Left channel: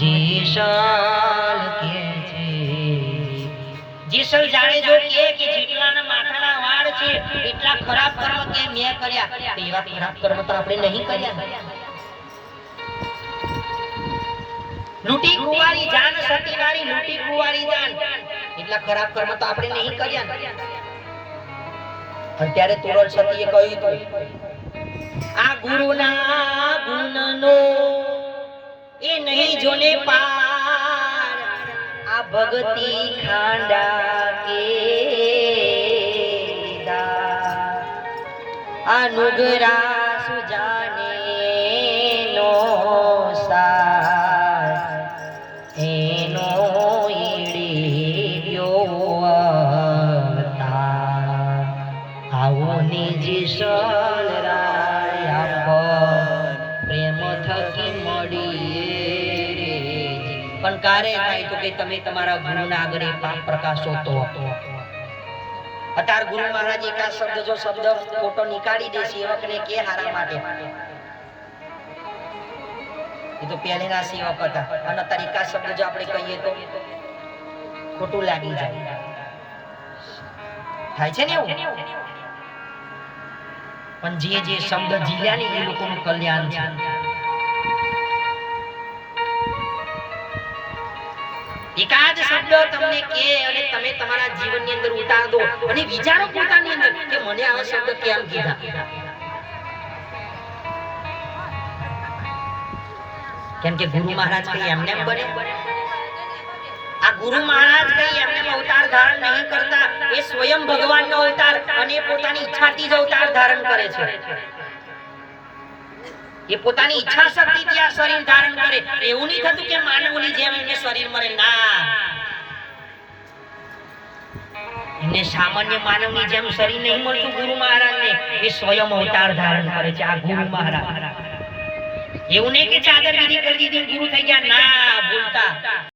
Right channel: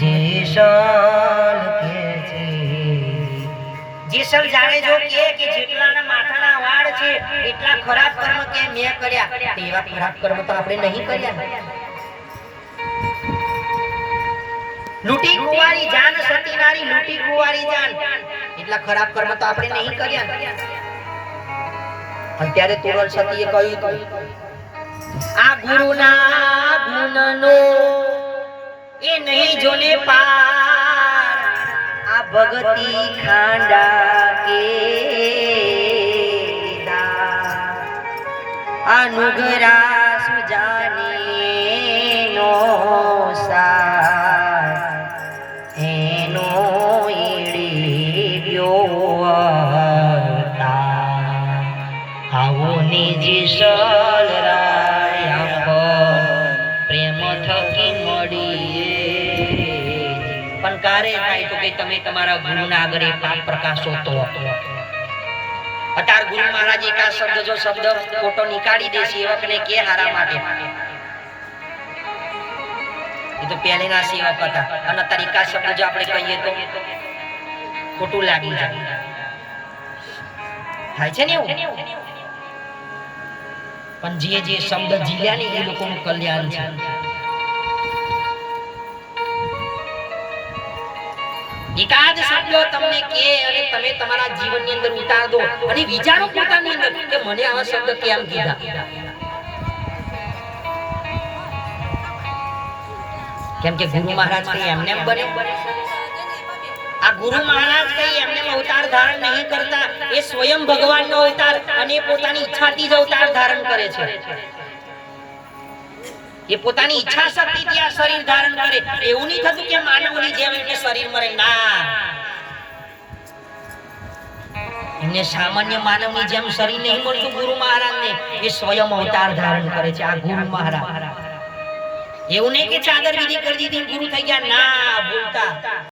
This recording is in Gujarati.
જેસલ કે છે જેસલ જાડેજો કે જેટલાના માથાના વાળ છે એટલા ખરાબ કર્મ કે મેં કર્યા, એવા ખરાબ કર્મ તો આપણે નહીં કર્યા. લૂટી કુંવારી જાન સતી નારી લૂટી કુંવારી જાન એટલા ખરાબ કર્મ તો આપણે નહીં કર્યા. અને ત્યારે તુરલ સતીએ કહ્યું આ ગુરુના ગુણનો એ નહીં જોને પાર, આ ભક્તિ ખાંડા કે આ નુગરા સુજાને નો સાર એનો ઈડી ગયો આવો નિજી સલરાય પ્રેમ થકી મળીએ. પણ કારે થાય તો કે તમે તમારા ગુરુના આગળ પાપ પ્રકાશો તો અતાર ગુરુ મહારાજ એકા શબ્દ જો શબ્દ ખોટો નીકાળી દે સેવકને કે હારા માટે, એ તો પહેલેના સેવક હતા. અને અતાર એકા શબ્દ જો આપણે કહીએ તો ખોટું લાગી જાય, થાય છે ને એવું. પણ જે શબ્દ જીલ્યા ને એ લોકોનું કલ્યાણ છે. એકાદ શબ્દ તમને કે અને તમે તમારા જીવનની અંદર ઉતાર દો અને વિચારો પોતાની અંદર કે મને આવા શબ્દ કેમ કીધા. કેમ કે ગુરુ મહારાજ કઈ એમને બને, આ ગુરુ મહારાજ કઈ એમને અવતાર ધારણ નહીં કરતા, એ સ્વયં ભગવાનનો અવતાર અને પોતાની ઈચ્છાથી જ અવતાર ધારણ કરે છે. એ પોતાની ઈચ્છા શક્તિથી આ શરીર ધારણ કરે. એવું નહીં થતું કે માનવની જેમ એમને શરીર મળે, ના, એમને સામાન્ય માનવની જેમ શરીર નહીં મળતું. ગુરુ મહારાજને એ સ્વયં અવતાર ધારણ કરે છે આ ગુરુ મહારાજ. એવું નહીં કે ચાદર વિધિ કરી દીધી ગુરુ થઈ ગયા, ના, ભૂલતા.